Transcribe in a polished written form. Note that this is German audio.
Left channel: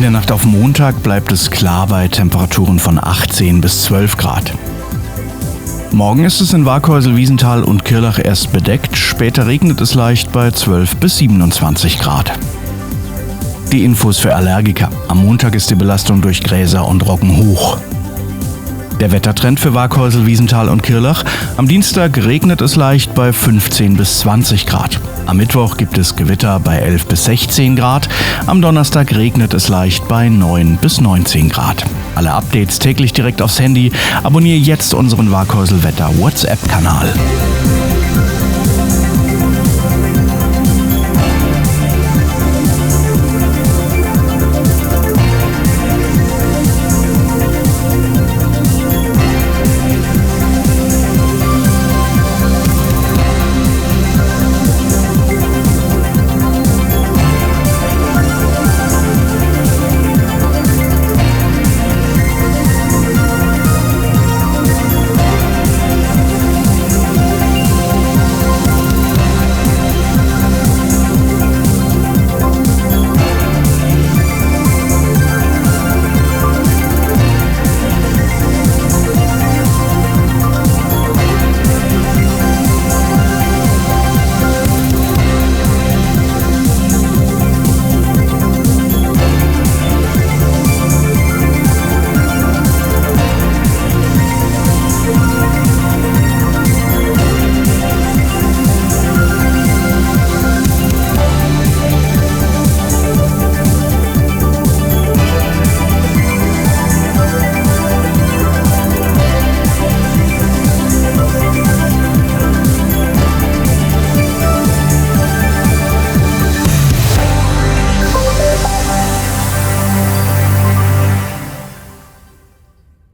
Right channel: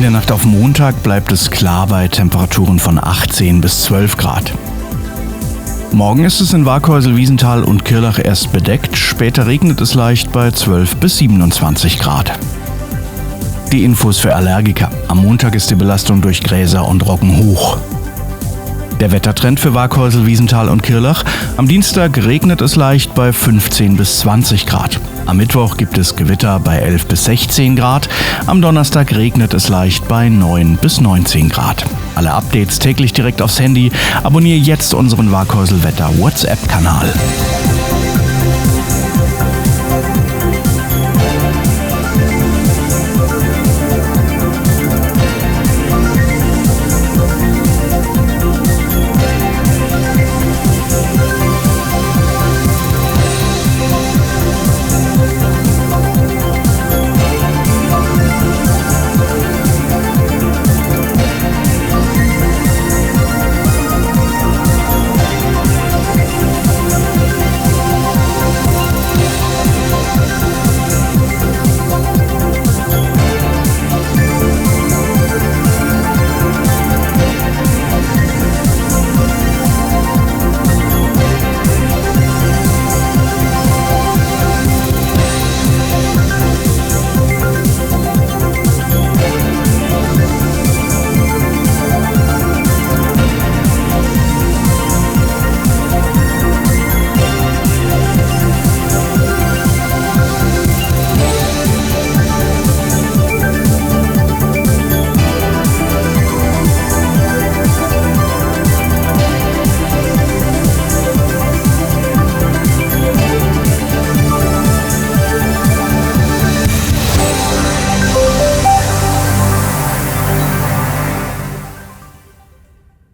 In der Nacht auf Montag bleibt es klar bei Temperaturen von 18 bis 12 Grad. Morgen ist es in Waghäusel, Wiesental und Kirrlach erst bedeckt, später regnet es leicht bei 12 bis 27 Grad. Die Infos für Allergiker. Am Montag ist die Belastung durch Gräser und Roggen hoch. Der Wettertrend für Waghäusel, Wiesental und Kirrlach. Am Dienstag regnet es leicht bei 15 bis 20 Grad. Am Mittwoch gibt es Gewitter bei 11 bis 16 Grad. Am Donnerstag regnet es leicht bei 9 bis 19 Grad. Alle Updates täglich direkt aufs Handy. Abonniere jetzt unseren Waghäusel Wetter WhatsApp-Kanal.